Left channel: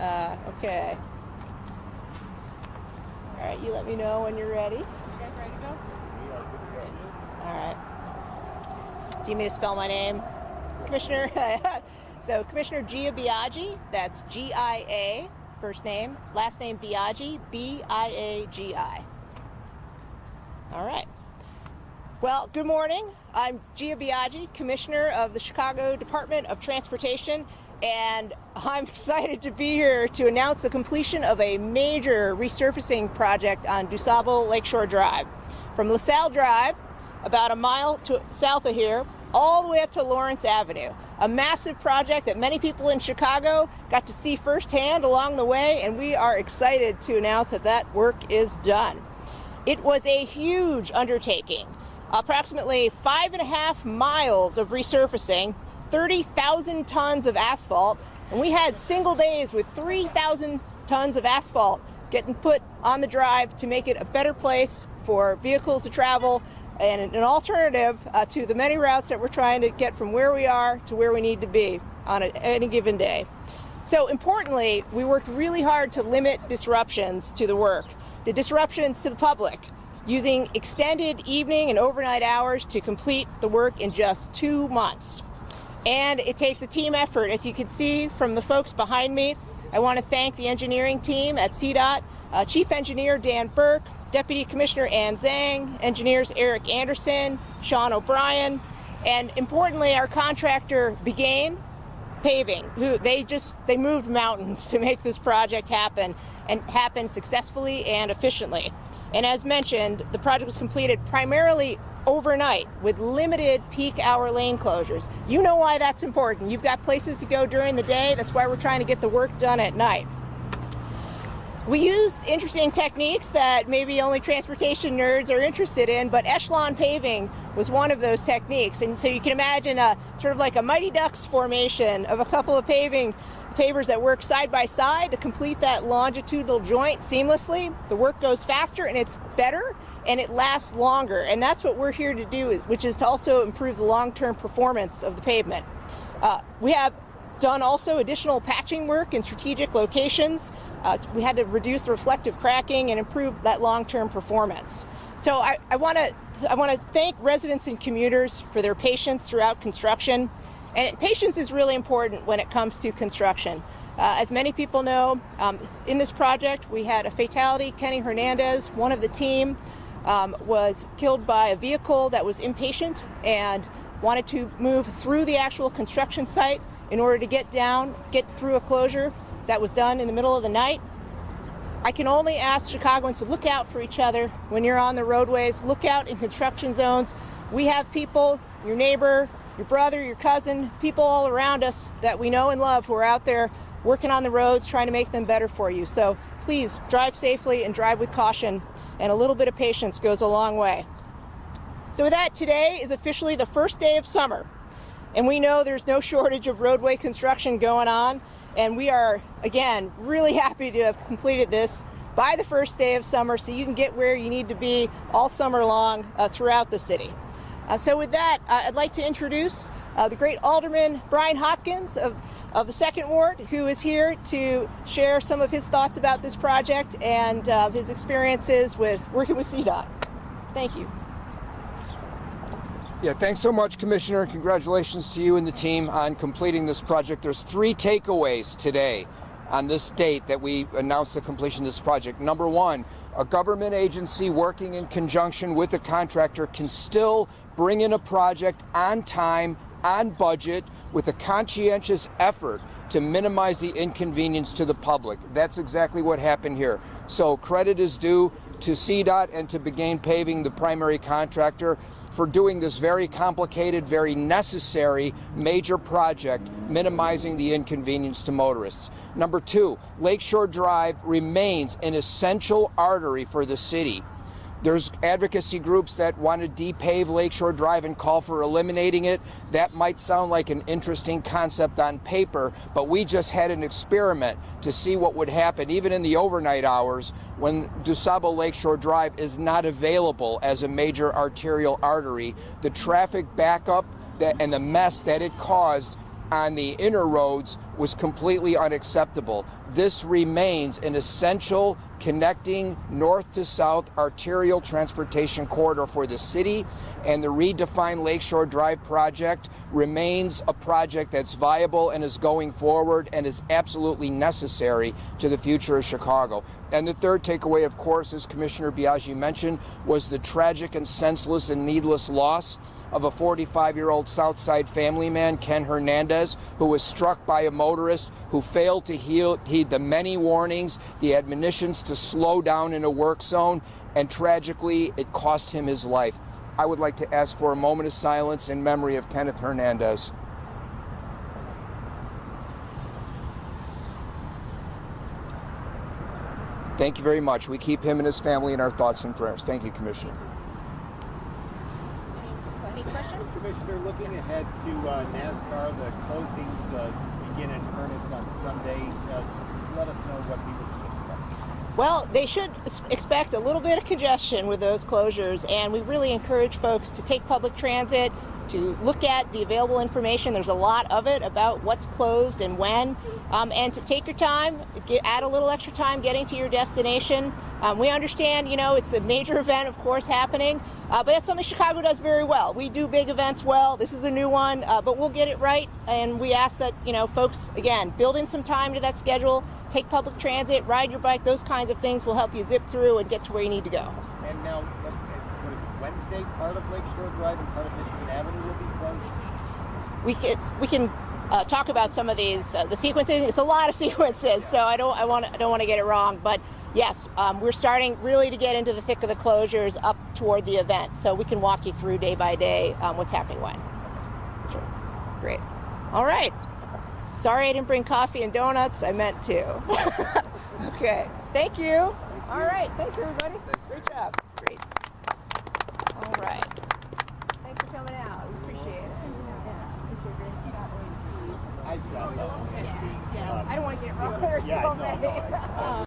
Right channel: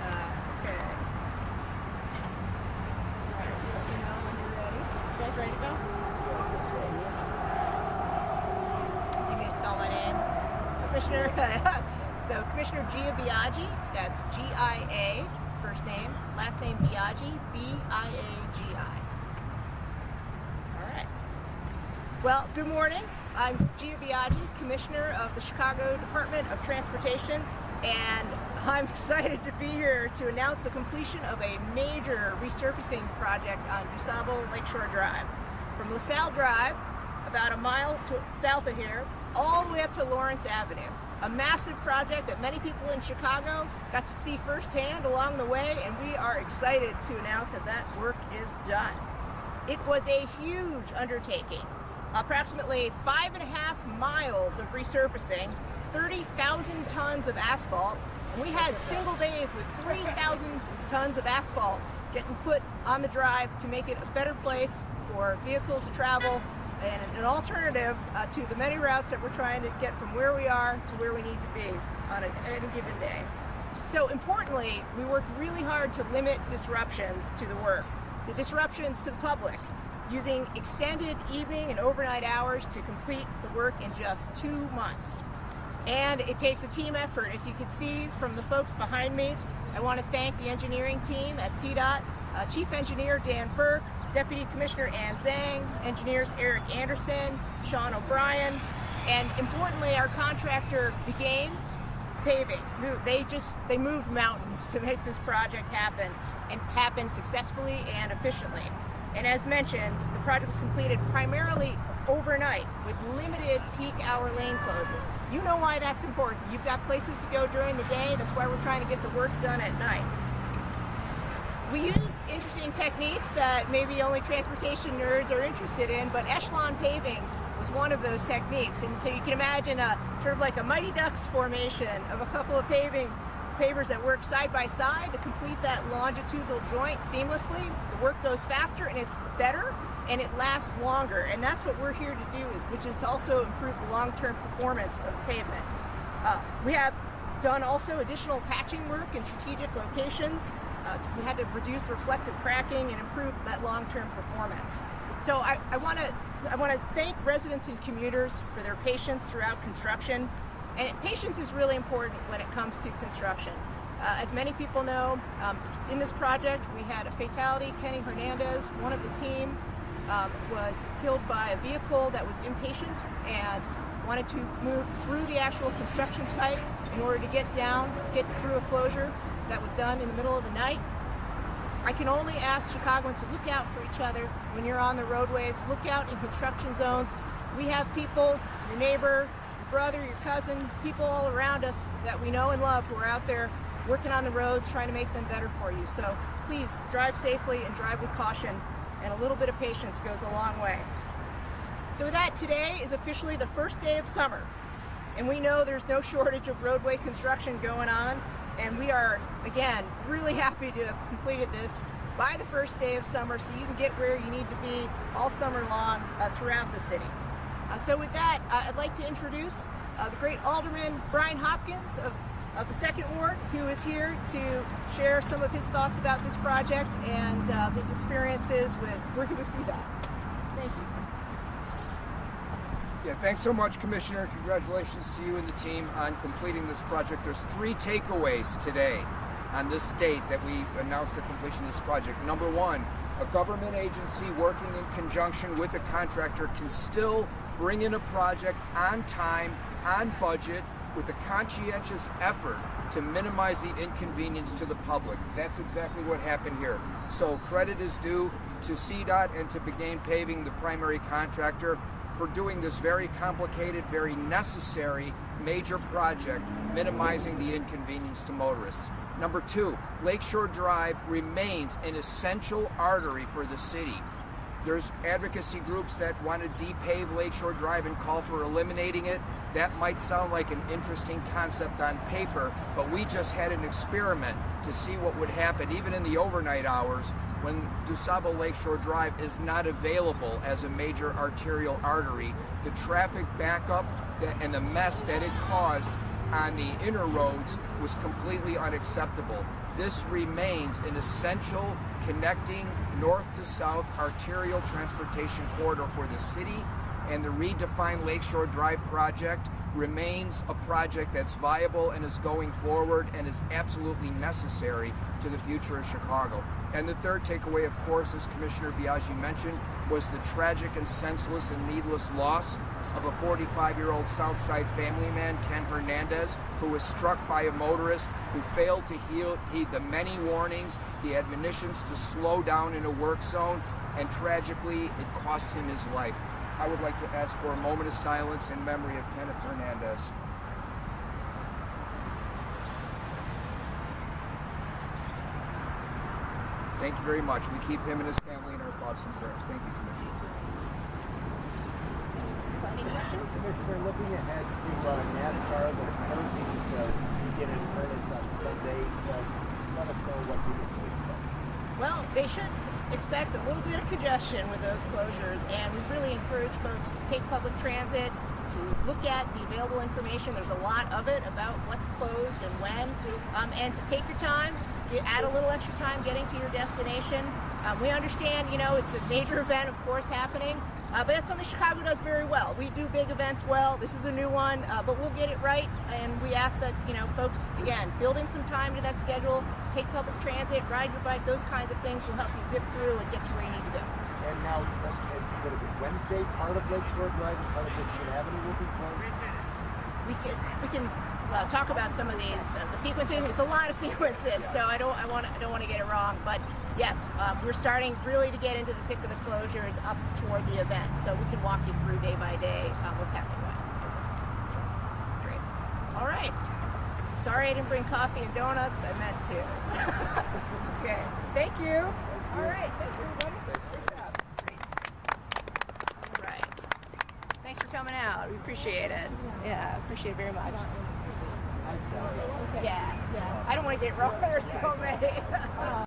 Okay. All right, you let me know when you're ready. You guys ready to go? All right. Do you need me to spell my name? Commissioner, so Commissioner Gia Biaggi, that's G-I-A, first name, last name Biaggi, B-I-A-G-I. All right. Well, good morning. I'm Gia Biaggi, Commissioner of the Chicago Department of Transportation, and I'm excited to be here to announce the completion of a major resurfacing project on DuSable Lakeshore Drive. From LaSalle Drive, about a mile south of here, all the way up to Lawrence Avenue. A massive project that many people in Chicago got to see firsthand along the way, and we are excited to announce that that work is done. It was a huge undertaking. Approximately 5.5 miles of resurfacing, 30,000 tons of asphalt, and we had single days with 3,000 tons of asphalt getting put on the drive to make it a better place for vehicles to travel and an alternative to the many routes that we're trying to get from where we are to where we need to be on any given day. So importantly, we worked really hard to limit disruptions to the work, the disruptions to the public, using extended evening and overnight hours to complete the work in just 2 months. And it takes a team effort, as you can see from the folks behind me. I want to thank the engineering team at CDOT, Chief Engineer Dan Burke, Deputy Commissioner Ann Zhang, engineers Eric Anderson, Sean O'Brien, and importantly our contractor Begain Paving, who they moved mountains to make this project happen, and happen successfully and efficiently. And as mentioned, the project was completed primarily overnight with limited peak hour lane closures. You know why that's important. You've got places to go during the day. That's why we're trying to get the work done at night. We used interesting techniques that maybe only transportation nerds are interested in, but echelon paving was one of those techniques. And so you can imagine sort of like a Mighty Ducks formation of a couple of pavers that work side by side to complete that longitudinal joint seamlessly. The work goes faster and it's better and it lasts longer. And that's what we're here to do, which is to also improve the long-term performance of the pavement. We have done also additional patching work in strategic locations. We had to reduce the reflective cracking and improve that long-term performance. So I want to thank residents and commuters for their patience throughout construction. And patience is really important when it comes to construction. As many people know, in this project we had a fatality. Kenny Hernandez, one of the team, was killed by a vehicle that was impatient and wanted to move through the actual construction site in order to get through a closure that was done in the middle of the night. I can only ask Chicagoans to look out for each other when you're on the roadways. Look out in construction zones. We have people, your neighbor, your brother, your cousin, people all around us that we know and love who are out there working on the roads, trying to make them better for you. So please drive safely and drive with caution, and a little bit of patience goes a long way. So with that, today is officially the first day of summer, and we know there's no shortage of roadway construction going on, and we are, again, really happy to have completed this by the first day of summer so you can get where you need to be all summer long throughout the city. So with that, I'd like to introduce the great Alderman Brian Hopkins of the 2nd Ward, who is here to share some of his thoughts about this project and his experiences with working with CDOT. Thank you. Yeah, thanks so much, Commissioner. Congratulations to you and the team on completing this project. There's 3 takeaways today on this date that we announced the completion of this project. Number 1, a government agency working in conjunction with a contractor can still bring in a project on time, on budget, with a conscientious effort to minimize the inconvenience to the public. That's exactly what happened here. So credit is due to CDOT and to Begain Paving, the primary contractor, for doing this very complicated, very necessary major project, minimizing the inconvenience to motorists. Number 2, Lakeshore Drive remains an essential artery for the city. There's advocacy groups that want to depave Lakeshore Drive and call for eliminating it. That might sound like an interesting concept on paper, but we just had an experiment to see what would happen even in the overnight hours when DuSable Lakeshore Drive is not available as a major arterial artery. The traffic backup and the mess that it caused on the inner roads was completely unacceptable. this remains an essential connecting north to south arterial transportation corridor for the city, and the redefined Lakeshore Drive project remains a project that's viable and is going forward and is absolutely necessary to the future of Chicago. And the third takeaway, of course, as Commissioner Biaggi mentioned, was the tragic and senseless and needless loss of a 45-year-old Southside family man, Ken Hernandez, who was struck by a motorist who failed to heed the many warnings, the admonitions to slow down in a work zone, and tragically, it cost him his life. I would like to ask for a moment of silence in memory of Kenneth Hernandez. Thank you very much. We keep him and his family in our thoughts and prayers. Thank you, Commissioner. Any questions? Commissioner, looking ahead to NASCAR, the closings begin in earnest on Sunday. Let us know what people can expect. Well, they should expect a little bit of congestion with those closures, and we really encourage folks to take public transit, to look at the available information. There's a lot of it about what's closed and when, and to take your time, add a little extra time getting to your destination. We understand, you know, it's a major event, of course, happening, but that's something Chicago does very well. We do big events well. This is a new one, but we'll get it right, and we ask that, you know, folks, again, build in some time to that schedule, take public transit, ride your bike, those kinds of things will help you zip through and get to where you need to go. And now, what is it, Wednesday, part of Lakeshore Drive and part of Michigan Avenue will be closed? We can talk about some of these, the sequences. It's a lot of sequences, so I don't want to get it wrong. But yes, we're starting really to get into the thick of the closures up toward the event, so we can walk you through day by day what's happening when. Sure. Great. All right. Sorry I didn't bring coffee and donuts. I meant to. Okay. Thank you. All right. Thank you, everybody. Great job. Great. All right. Thanks for coming out. We appreciate it. Yeah, appreciate it very much. Yeah. I don't want to get wrong. There's so many.